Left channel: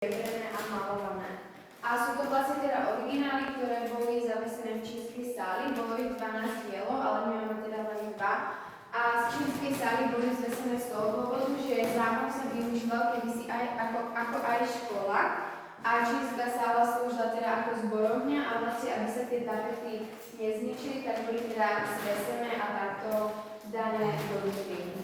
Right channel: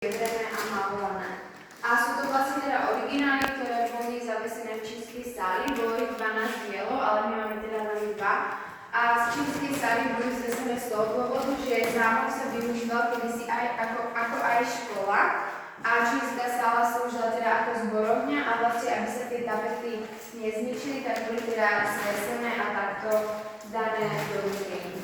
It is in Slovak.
striebrené a malované. A sú to vlastne teda originály, ktoré boli zavesené v čínskej sáli. Bolo ich 12 dielov, ale my máme teda len 2. A z čínskej sály boli zvesené z toho dôvodu, že zámok sa využíval kedysi aj ako aj škola. A čínska sála slúžila teda ako zborovňa a vlastne, aby sa tie tapety nezničili, tak boli teda zvesené a takto dané do ruky.